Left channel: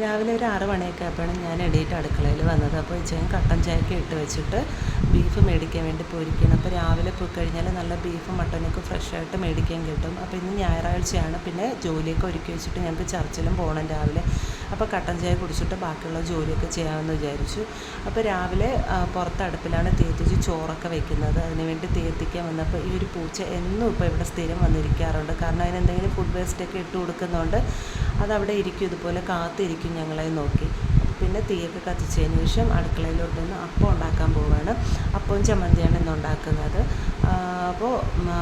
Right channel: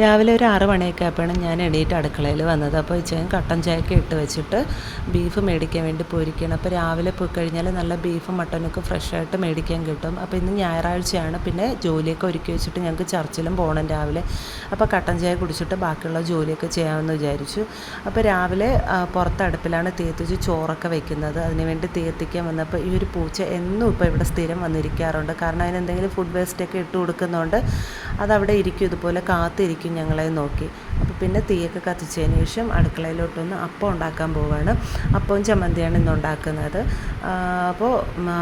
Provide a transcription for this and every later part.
രാവിലെ ഒരു 6 മണിയൊക്കെ ആയപ്പോഴാണ് ഞാൻ എണീറ്റ് അടുക്കളയിൽ വന്നത്. അപ്പോൾ ഇച്ചയും കട്ടൻ ചായയൊക്കെ ഇട്ട് വെച്ചിട്ട് ബീഫ് മേടിക്കാൻ വേണ്ടി പോയിരിക്കുകയാണ്. അപ്പോൾ രാവിലെ പോയി കഴിഞ്ഞാൽ നല്ല ബീഫും മട്ടനൊക്കെ ഫ്രഷായിട്ട് മേടിക്കാൻ കിട്ടും. അപ്പോൾ ഇന്ന് ഞായറാഴ്ചയാണ്. പിന്നെ ജോലിയൊക്കെ ഒരുക്കി വെച്ചിട്ട് ഞങ്ങൾക്ക് ചർച്ചിലും പോകണം രാവിലെ. അപ്പോൾ കട്ടൻ ചായ കുടിച്ചിട്ട് ബാക്കിയുള്ള ജോലിയൊക്കെ ചെയ്യാമെന്ന് വിചാരിച്ചു. അപ്പോൾ രാവിലെ പുറത്ത് അടുപ്പിലാണ് തീയത്തിച്ച് ചോറൊക്കെ വെക്കുന്നത്. അതിനുവേണ്ടി തീയത്തിക്കാൻ വന്നപ്പോൾ ഈ ഒരു പൂച്ച എന്നും ഇപ്പോൾ ഇവിടെ സ്ഥിരം വന്നിരിക്കാറുണ്ട്. കാരണം അതിന് എന്തെങ്കിലും ഫുഡ് വേസ്റ്റൊക്കെ ഇട്ട് കൊടുക്കുന്നതുകൊണ്ട് അതവിടെ ഇരിക്കും, ഇതുപോലെ കാത്തിരിക്കും ഞങ്ങളെ നോക്കി. അപ്പോൾ പിന്നെ തീയൊക്കെ കത്തിച്ചതിന് ശേഷം അടുക്കളയിലോട്ട് വന്ന് അപ്പം ഉണ്ടാക്കാൻ പോവുകയാണ്. അപ്പവും ചമ്മന്തിയാണ് ഇന്ന് ഉണ്ടാക്കുന്നത്. അപ്പോൾ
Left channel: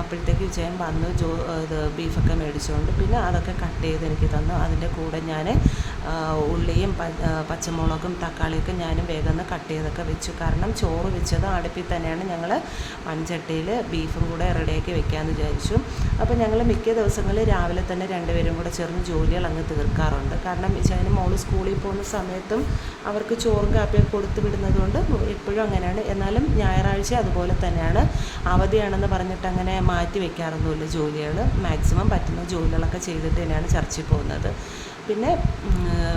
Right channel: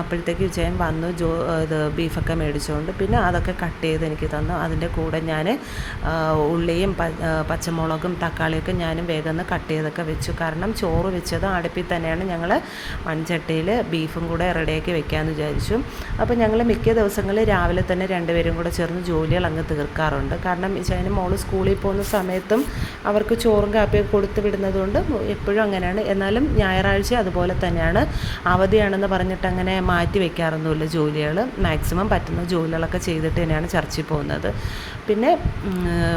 അപ്പോഴത്തേക്ക് വിജയൻ വന്നു ഇത് ബീഫൊക്കെ മേടിച്ചുകൊണ്ട് പിന്നെ അതൊക്കെ കട്ട് ചെയ്ത് എനിക്ക് തന്നു. അതിൻ്റെ കൂടെ ഞാൻ ഉള്ളിയും പച്ചമുളകും തക്കാളിയൊക്കെ ഞാനും വേഗം കട്ട് ചെയ്തൊക്കെ വെച്ചു. കാരണം ചോറ് വെച്ചത് അടുപ്പിൽ തന്നെയാണ്. ഞങ്ങൾ മൺചട്ടിയിൽ ബീഫും കൂടെ റെഡിയാക്കി വെക്കാമെന്ന് വിചാരിച്ചു. അപ്പോൾ ഞങ്ങൾ മിക്ക ദിവസങ്ങളിൽ രാവിലെ തന്നെ രണ്ടുപേരും കൂടെ ചേർന്ന് ജോലികൾ അങ്ങ് തീർക്കാറുണ്ട്. കാരണം വിജയന് മോള് സ്കൂളിൽ പോകുന്ന സമയത്തും അവർക്ക് ചോറും കാപ്പിയൊക്കെ കൊടുത്തു വിടുന്നതുകൊണ്ട് എപ്പോഴും അങ്ങനെയാണ്. എന്നാലും ഞായറാഴ്ച അതുപോലെ തന്നെയാണ്. അവധിയാണെന്ന് പറഞ്ഞിട്ട് അങ്ങനെ മാറ്റി വയ്ക്കാറൊന്നുമില്ല ജോലികൾ. മാക്സിമം പറ്റുന്ന ജോലികളൊക്കെ ചെയ്തിട്ട് തന്നെയാണ് ചർച്ചിൽ പോകുന്നത്. പിന്നെ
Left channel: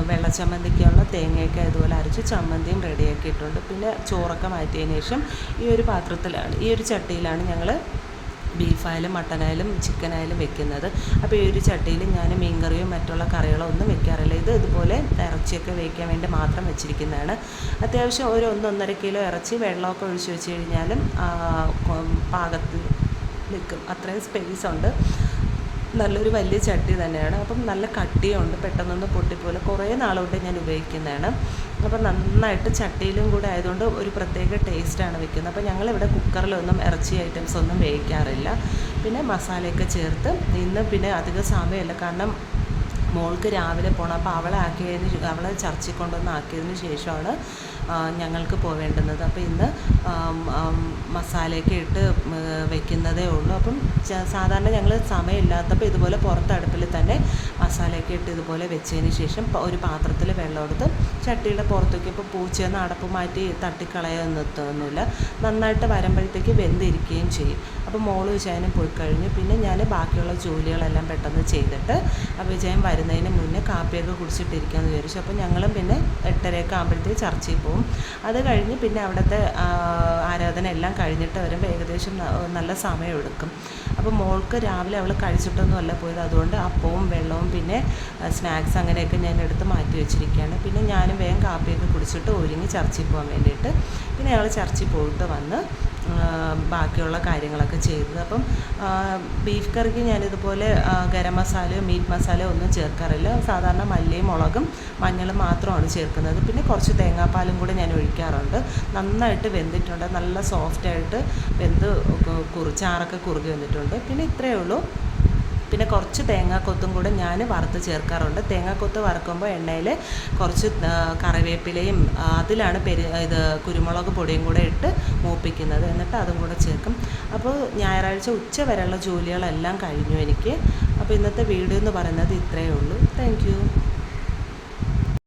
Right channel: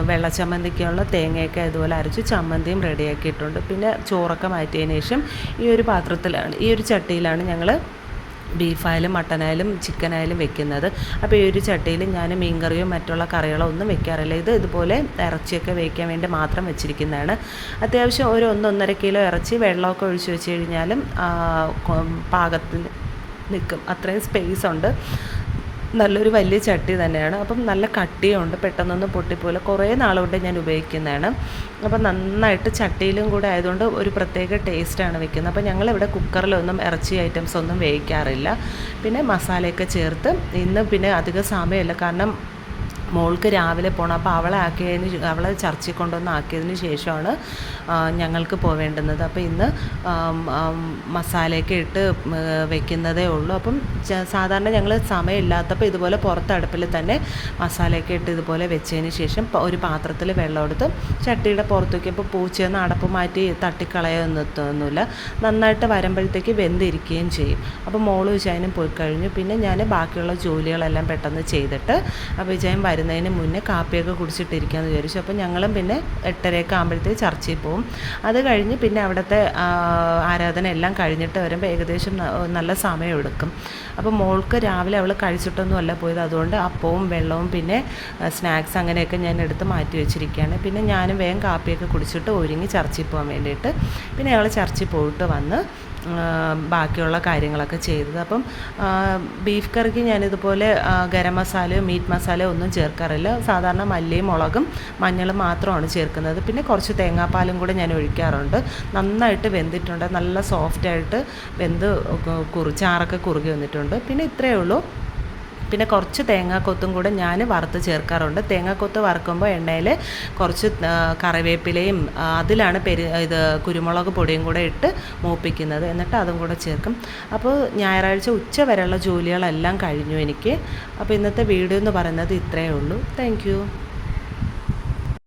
വെള്ളച്ചമ്മന്തിക്കുള്ള തേങ്ങയൊക്കെ ഇതുപോലെ അരച്ച് ചമ്മന്തിയും റെഡിയാക്കിയിട്ടുണ്ട്. പിന്നെ ചോറൊക്കെ മാറ്റിയതിന് ശേഷം ഈ ഒരു ചട്ടിയിലാണ് ഞങ്ങൾ ബീഫായാലും മട്ടനായാലും ചിക്കനായാലും വെക്കുന്നത്. അപ്പോൾ ഈ ഒരു ചട്ടിയിൽ ഞാൻ മീൻകറിയോ മറ്റുള്ള കറികളോ ഒന്നും വെക്കാറില്ല. ഇതുപോലെ ഇറച്ചിയൊക്കെ വേവിക്കാൻ വേണ്ടി മാത്രം വെച്ചിരിക്കുന്നതാണ്. അത്യാവശ്യം ഒരു 1-1.5 കിലോ ഇറച്ചി വെള്ളമൊക്കെ ഒഴിച്ച് വെച്ച് കഴിഞ്ഞാലും പാകത്തിന് നിൽക്കും. അത്രയും സ്പേസ് ഉണ്ട്. നല്ലൊരു വലിയ ചട്ടി തന്നെയാണ്. അപ്പം നല്ല കട്ടിയുണ്ട്, പെട്ടെന്നൊന്നും പൊട്ടിപ്പോലെ. കുറേ നാളുകൊണ്ട് ഞാൻ ഉപയോഗിക്കുന്നതാണ്. അപ്പം നന്നായിട്ട് ചട്ടിയിലും കൂടെ ആയതുകൊണ്ട് ഒരു പ്രത്യേക ടേസ്റ്റാണ് വെക്കുന്നത്. അപ്പോൾ ഞങ്ങളിവിടെ കുക്കറിലൊന്നും ഇറച്ചി ഐറ്റംസ് ഒന്നും വേവിക്കാറില്ല. പിന്നെ മസാലയൊക്കെ ചേർത്ത് ഇന്ന് പിന്നെ അധികം സമയമില്ല, കാരണം മോൾക്ക് രാവിലെ പോകണം. അപ്പോൾ അവളെ ചർച്ചിൽ കൊണ്ടുവന്ന് ആക്കിയതിന് ശേഷമാണ് ഞങ്ങൾക്ക് പോവേണ്ടുന്നത്. അപ്പോൾ ഇന്ന് മസാലയൊക്കെ ഇട്ട് വെക്കുന്നതേ ഉള്ളൂ. അപ്പം സാധാരണ ഞങ്ങൾ സമയമില്ലാത്തപ്പോൾ ഇതുപോലെ പുറത്ത് അടുപ്പിൽ തന്നെ മസാലയൊക്കെ ഇട്ട് ഇതുപോലെ വെച്ചതിന് ശേഷം ഒരു പാത്രത്തിൽ വെള്ളം എടുത്ത് ചട്ടിയുടെ പുറത്തേക്ക്, ഇപ്പോൾ പൂച്ചയൊന്നും അടപ്പ് മാറ്റി തട്ടിക്കളയൊന്നുമില്ല. നന്നായിട്ട് വരുമ്പോഴത്തേക്ക് വെന്തിരിക്കുകയും ചെയ്യും. അപ്പോൾ മോള് വിജയനും പോയി കഴിഞ്ഞു. പിന്നെ ഞാൻ ബാക്കിയുള്ള ജോലികളെല്ലാം പെട്ടെന്ന് ചെയ്തിട്ട് വിജയൻ വരുന്നതിന് മുന്നേ കാപ്പിയൊക്കെ കുടിച്ചിട്ടിരിക്കാമെന്ന് വിചാരിച്ചു. അപ്പോൾ ഞങ്ങളും പിന്നെ 8:30 ആകുമ്പോഴത്തേക്ക് ചർച്ചിൽ പോകും. അത് കഴിഞ്ഞ് പിന്നെ അവിടുത്തെ ആരാധന എല്ലാം കഴിഞ്ഞിട്ട് വരുമ്പോൾ ഏകദേശം നല്ല സമയമെടുക്കും. അപ്പോൾ മോൾക്ക് രാവിലെ അവൾ കഴിച്ചിട്ടൊന്നുമല്ല പോയത്. അതുകൊണ്ട് അപ്പവും വെള്ളവും പിന്നെ സ്നാക്സ് അങ്ങനെയൊക്കെ ഞാൻ എടുത്ത് മാറ്റി വെച്ചിരിക്കുകയാണ്. പിന്നെ ഞാനും വേഗം കാപ്പിയൊക്കെ കുടിച്ചിട്ട് ഒരുങ്ങി ചർച്ചിൽ പോകാൻ വേണ്ടിയിട്ട്. പിന്നെ ഞങ്ങൾ ചർച്ചിൽ പോയിട്ട് വന്ന് ബാക്കിയുള്ള കാര്യങ്ങളൊക്കെ ചെയ്തത്. അപ്പം ബീഫ് കറിക്ക് ഞാനിതുപോലെ ഗരം മസാലയോ മീറ്റ് മസാലയോ ഒന്നും ചേർക്കാറില്ല. സാധാരണ മല്ലിയും മുളകും മഞ്ഞളും മാത്രമാണ് ചേർക്കുന്നത്. പിന്നെ കുറച്ച് തേങ്ങാപ്പാലും കൂടെ ഞാൻ ഒഴിക്കാറുണ്ട്. നന്നായിട്ട് വെന്തിട്ടുണ്ട്, നല്ല സോഫ്റ്റായിട്ട് വെന്ത് ചാറൊക്കെ കുറുകി വന്നിട്ടുണ്ട്. പിന്നെ ഇത്രയേ ഉള്ളൂ. പിന്നെ കുറച്ച് തേങ്ങാക്കൊത്തും കൂടെ ഞാൻ വറുത്ത് ചേർക്കാറുണ്ട്. തേങ്ങാക്കൊത്ത് വറുക്കുമ്പോൾ എണ്ണയിൽ കുറച്ച് കറിവേപ്പിലയും അതിലാണ് കുരുമുളക് പൊടിയും കൂടെ ഇട്ട് മൂപ്പിക്കുന്നത്. എന്നിട്ട് അതും കൂടെ ചേർക്കും. അപ്പോൾ ഞായറാഴ്ച ഉച്ച വരെയുള്ള ജോലികളെല്ലാം കഴിഞ്ഞു എനിക്ക്. അപ്പോൾ ഇന്നത്തെ വീഡിയോ എന്ന് പറയുന്നത് ഇത്രയേ ഉള്ളൂ. Thank you.